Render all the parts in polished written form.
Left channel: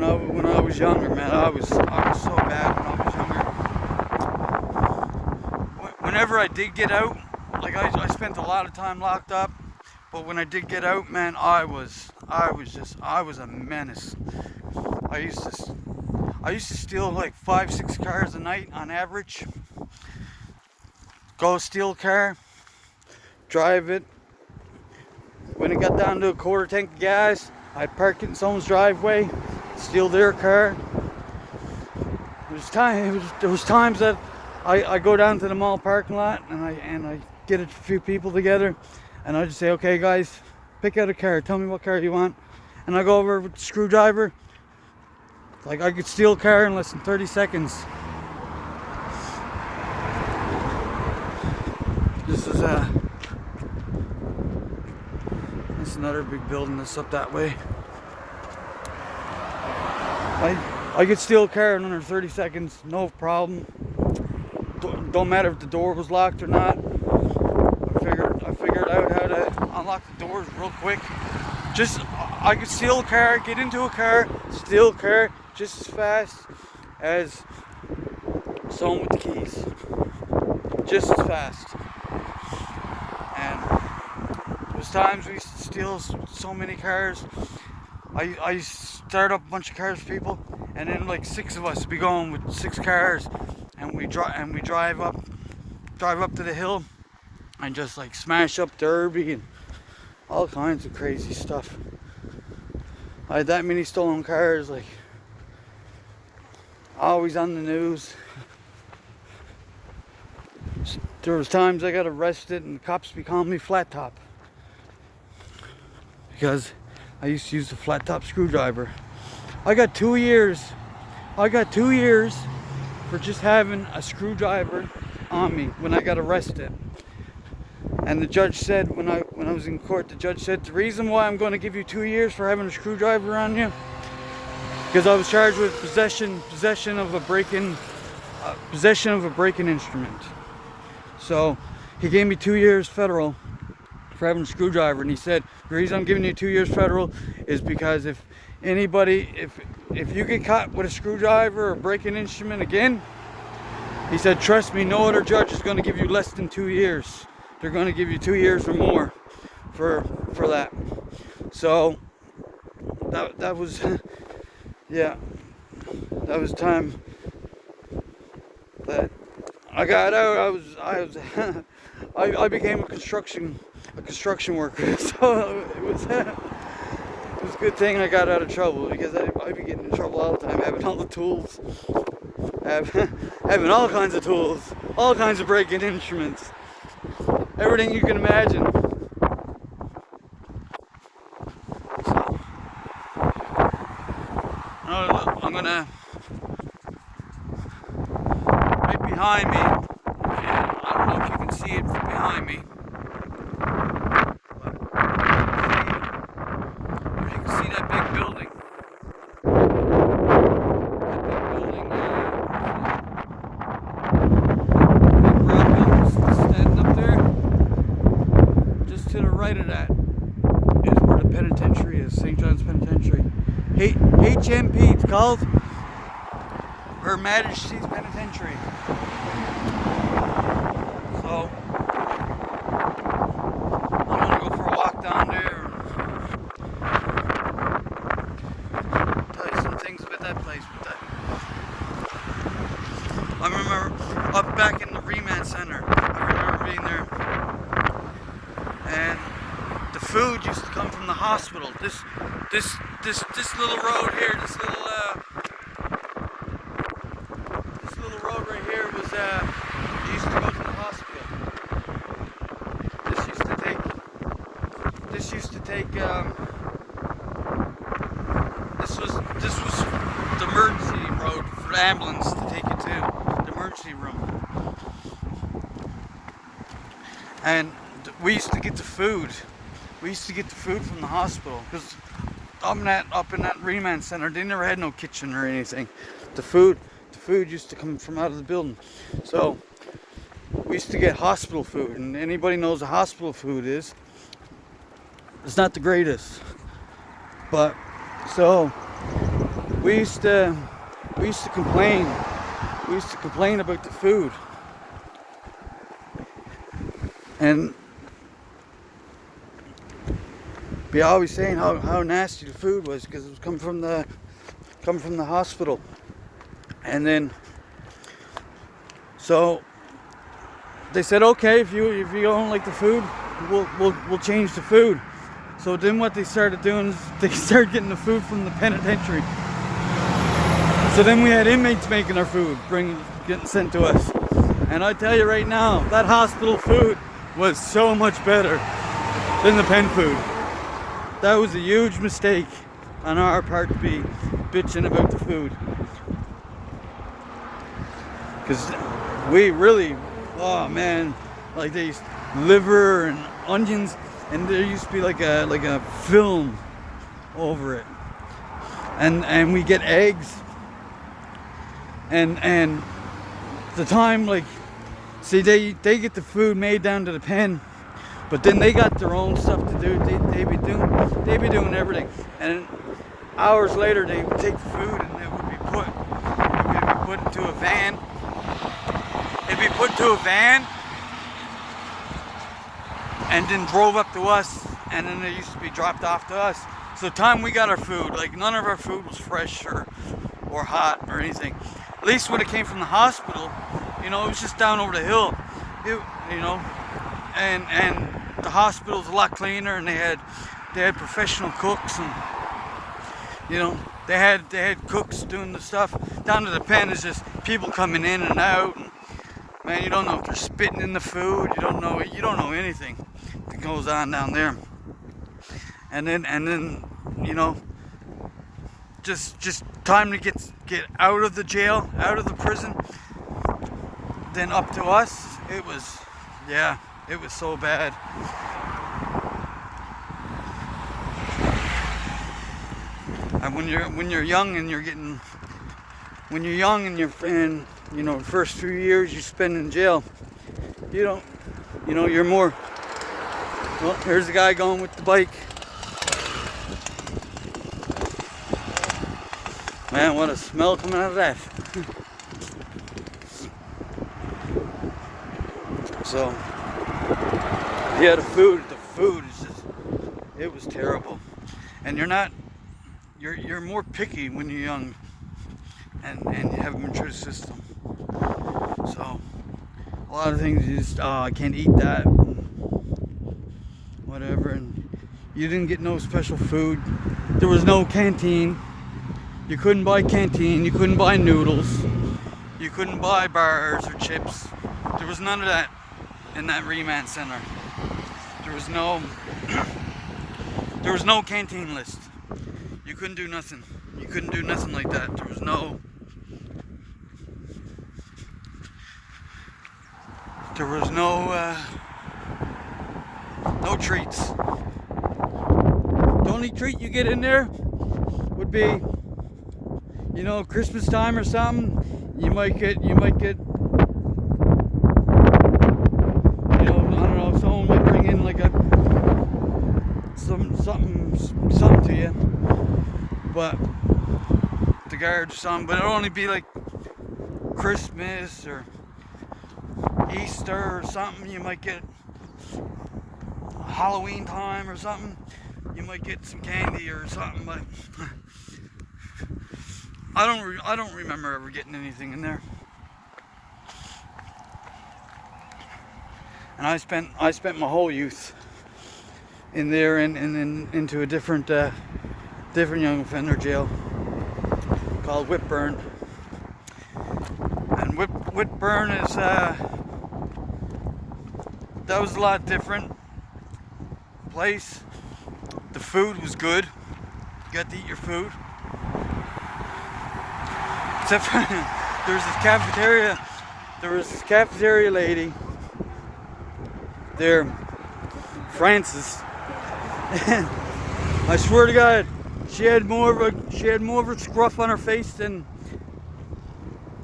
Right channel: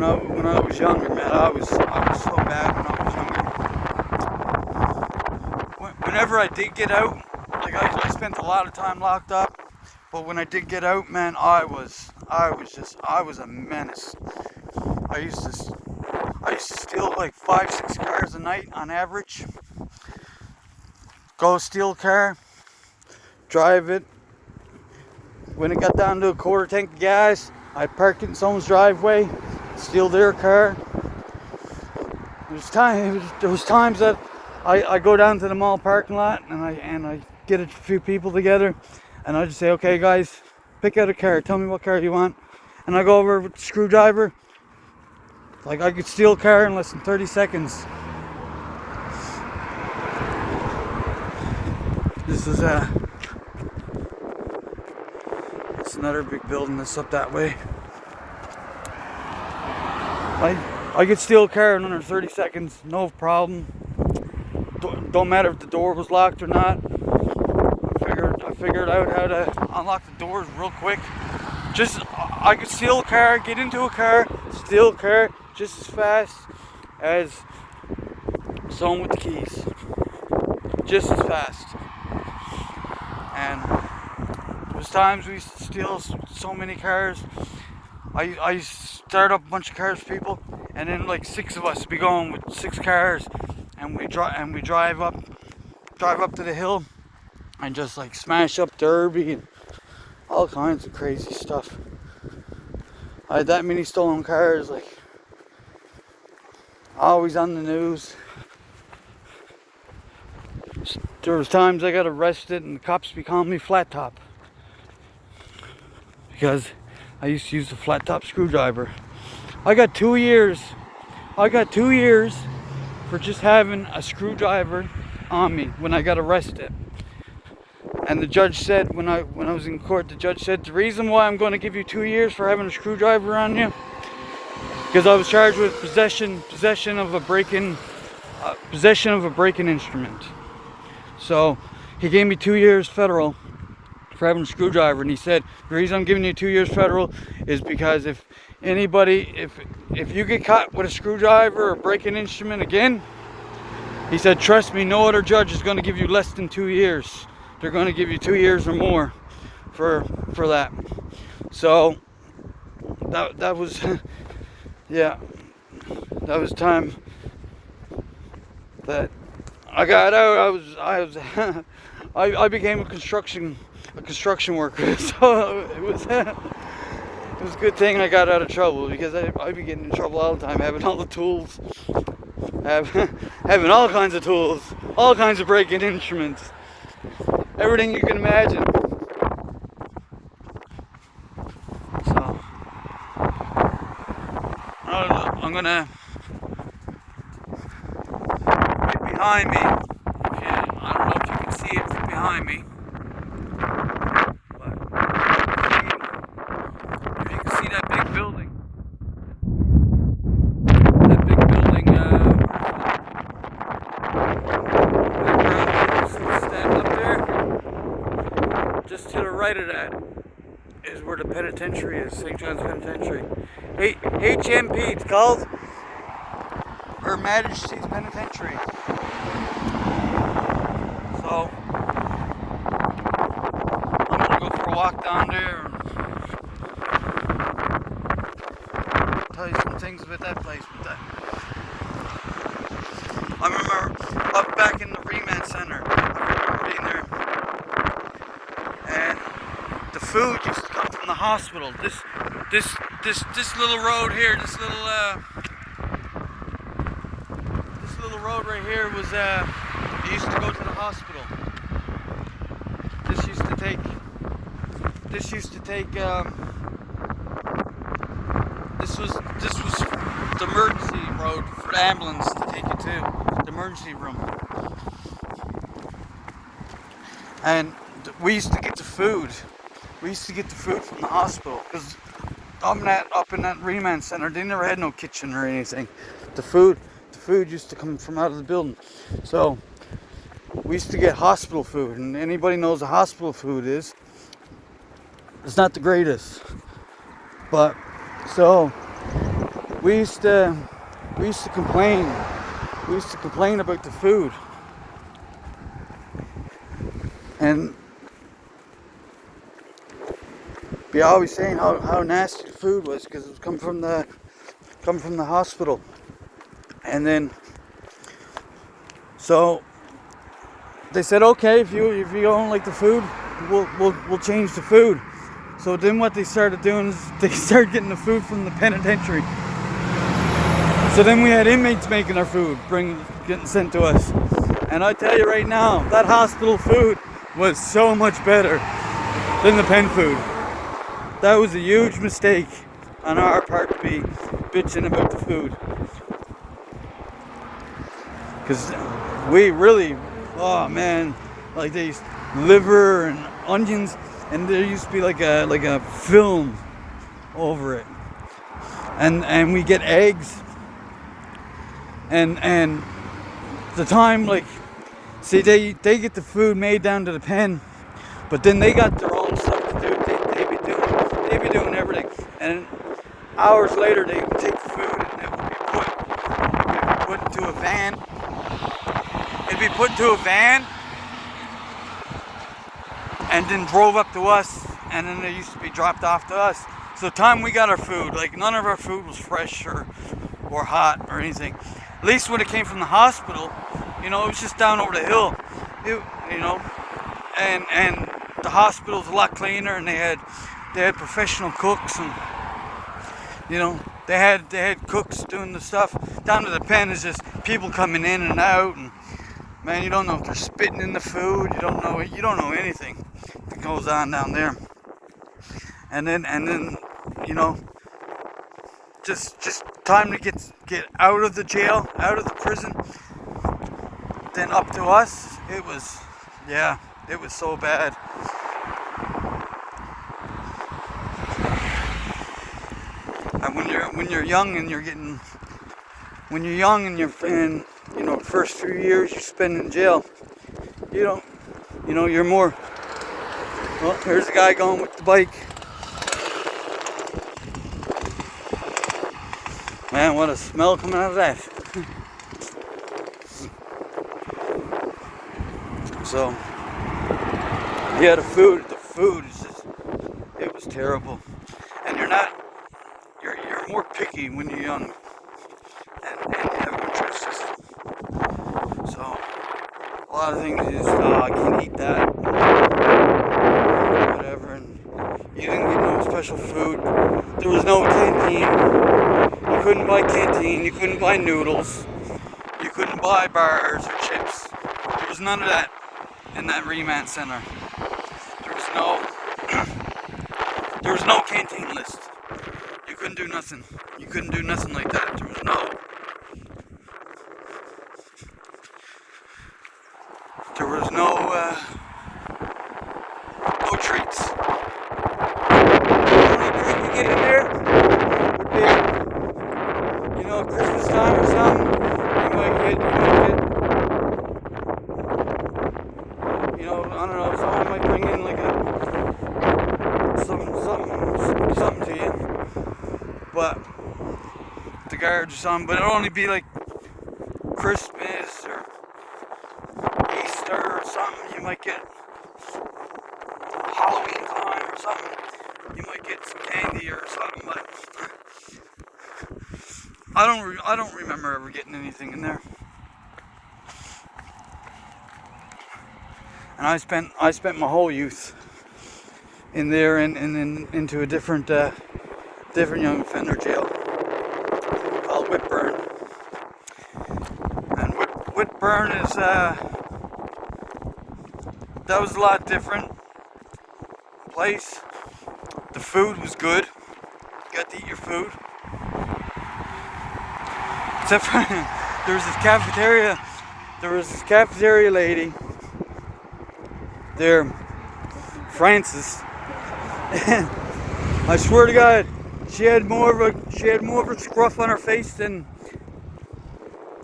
when I was younger, man, I was so bad when I was younger. Whenever I did get out, like I spent a lot of time locked up, but when I did get out, man, I was a menace. I used to steal like 5-6 cars a night on average. Go steal a car, drive it. When it got down to a quarter tank of gas, I'd park it in someone's driveway, steal their car. There was times that I go down to the mall parking lot and I get a few people together and I just say, okay guys, pick out a car, tell me what car you want. And I go over with the screwdriver. Like I could steal a car in less than 30 seconds. This is it's another big building that's up that way. I could steal a car in under 30 seconds, no problem. Don't matter if the door was locked or not. I figured out how to unlock the doors real quick. I could steal a car, get into a car, steal a car just as fast as someone with the keys. Just as fast. And there's times we used to steal so many cars. I start up a bunch of cars for people, and then like 6 of us would be going with 6 cars, and we drive up to the hill, and just like smash up Derby and all kinds of crazy stuff. I had that many stolen cars, like always on the news. There was times I got arrested and the cops be calling me Flat Top because I used to use the flat top screwdriver. I got 2 years for just having a screwdriver on me when I got arrested. And the judge said, when I was in court, the judge said, the reason why I'm going to give you 2 years for having a screwdriver on you, because I was charged with possession of a break-in instrument. So he gave me 2 years federal for having a screwdriver, and he said the reason I'm giving you 2 years federal is because if you get caught with a screwdriver or break-in instrument again, he said, trust me, no other judge is going to give you less than 2 years. They're going to give you 2 years or more for that. So that was yeah, that was time that I got out. I became a construction worker. So it was a good thing I got out of trouble, because I'd be getting in trouble all the time, having all the tools, having all kinds of tools, all kinds of break-in instruments, everything you can imagine. So I'm gonna, right behind me, I don't know if you can see it from behind me, but you can see that big building. That big building, standing up there. Just to the right of that is where the penitentiary is, St. John's Penitentiary. HMP, it's called Her Majesty's Penitentiary. So I'm gonna go for a walk down there and tell you some things about that place. I remember up back in the remand center, I remember being there, and the food used to come from the hospital. This little road here, this little road right here was it used to go to the hospital. This used to take this was the emergency road for the ambulance to take you to the emergency room. And we used to get the food. We used to get the food from the hospital, because up in that remand center, they never had no kitchen or anything. The food used to come from out of the building. So we used to get hospital food, and anybody knows what hospital food is. It's not the greatest. But so we used to complain. We used to complain about the food, and be always saying how nasty the food was because it was coming from the hospital. And then so they said, okay, if you don't like the food, we'll change the food. So then what they started doing is they started getting the food from the penitentiary. So then we had inmates making our food, getting sent to us. And I tell you right now, that hospital food was so much better than the pen food. That was a huge mistake on our part to be bitching about the food. Because we really, oh man, like these liver and onions, and there used to be like a film over it. And we get eggs. And the time, like, see, they get the food made down to the pen, but then they got their own stuff to do. They be doing everything. And hours later, they would take the food and it would be put into a van. It'd be put into a van and then drove up to us, and then they used to be dropped off to us. So the time we got our food, like none of our food was fresh or hot or anything. At least when it came from the hospital, it was just down over the hill, and the hospital was a lot cleaner, and they had professional cooks, and they had cooks doing the stuff. Down to the pen is just people coming in and out, and man, you don't know if they're spitting in the food. You don't know anything that goes on down there. And then just time to get out of the jail, out of the prison, then up to us. It was so bad. And when you're young and the first few years you spend in jail, you're more. Well, here's a guy going with the bike. Man, what a smell coming out of that. So, yeah, the food is just, it was terrible. And you're more picky when you're young and you have a control system. So, a lot of things you just, I can't eat that, whatever. And you didn't get no special food. There was no canteen. You couldn't buy canteen, you couldn't buy noodles, you couldn't buy bars or chips. There was none of that in that remand center. There was no canteen list. You couldn't do nothing. You couldn't do nothing like that. There was no treats. The only treat you get in there would be, Christmas time or something. You might get, I don't know, someone might bring in like something to you, but the guards or something. But it'll only be like Christmas or Easter or something. You might get Halloween time or something. You might get some candy or something, but I don't remember ever getting anything in there. And I spent my whole youth in there and into a different young offender jail called Whitburn. And Whitburn is that was a lot different place. The food was good. You got to eat your food. Except for there was this cafeteria lady there, Frances. I swear to God, she had more of a scruff on her face than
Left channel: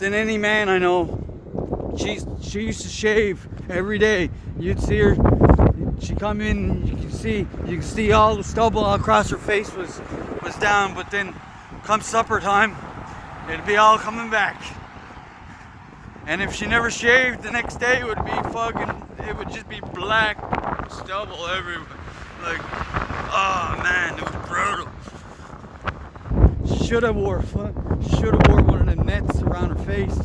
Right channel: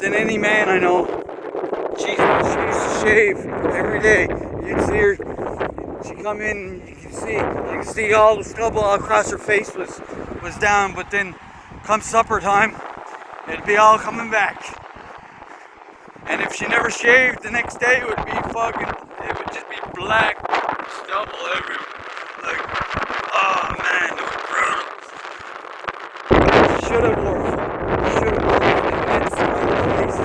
any man I know. She used to shave every day. You'd see her. She come in. You could see all the stubble across her face was down. But then come supper time, it'd be all coming back. And if she never shaved, the next day it would just be black stubble everywhere. Like, oh man, it was brutal. Should have wore the nets around the face.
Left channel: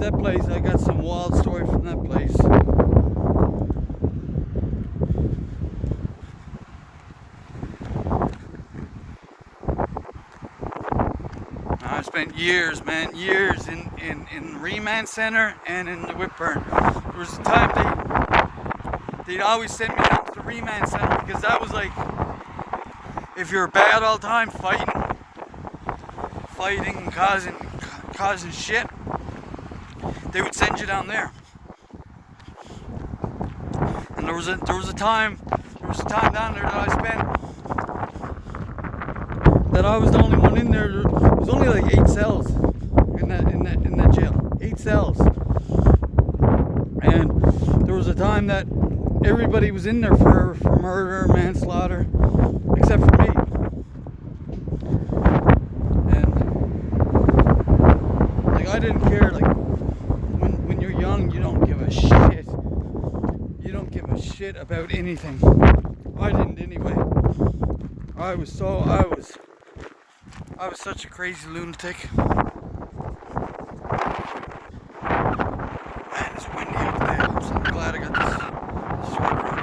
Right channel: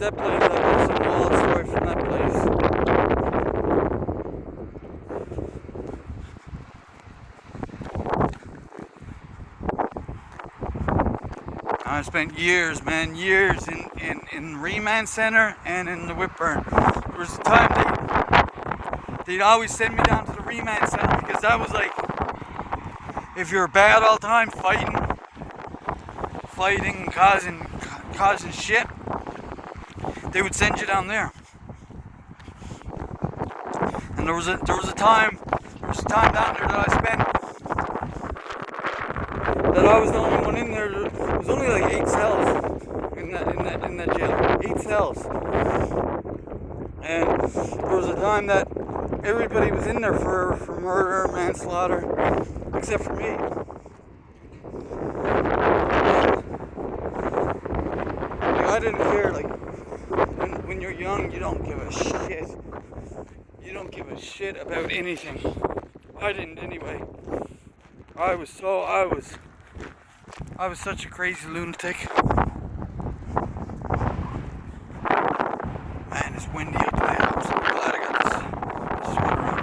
That place, I got some wild story from that place. I spent years in Remand Center and in the Whitburn. There was a time they'd always send me down to the Remand Center because that was like, if you're bad all the time, fighting and causing shit, they would send you down there. And there was a time down there that I spent, that I was the only one in there. There was only like 8 cells in that jail. 8 cells. And there was a time that everybody was in there for murder, manslaughter, except for me. Like, I didn't care. Like, when you're young, you don't give a shit. You don't give a shit about anything. I didn't anyway. I was such a crazy lunatic. Man, it's windy up there. I'm so glad I got this sweater on.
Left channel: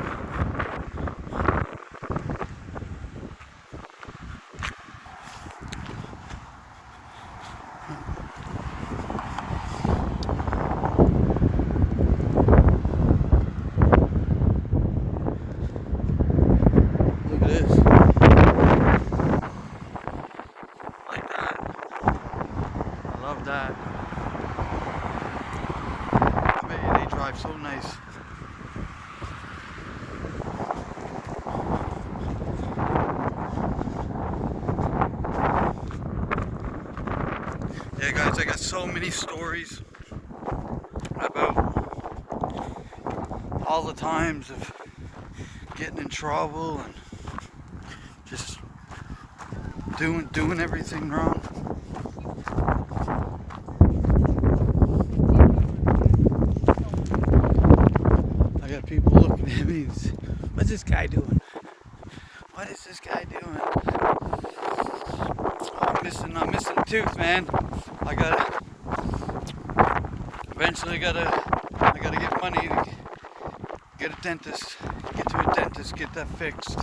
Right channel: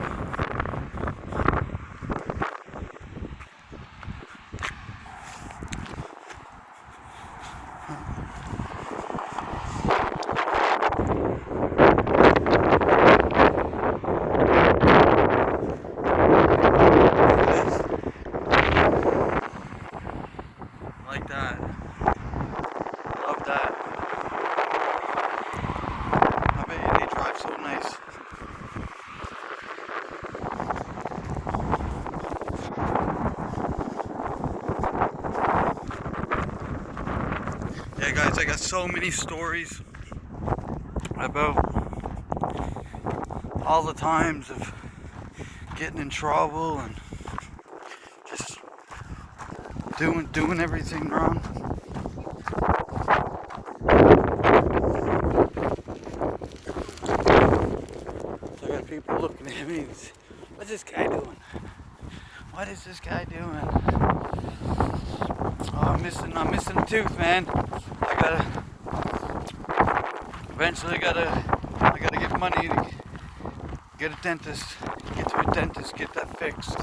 Like that. Love that. I bet you they drive so nice. Yeah guys, I got so many stories about all the times of getting in trouble and just doing everything wrong. I got people looking at me and say, what's this guy doing? What is this guy doing? Oh, I'm missing a tooth, man. I gotta get money to get a dentist. Get to a dentist, get that fixed.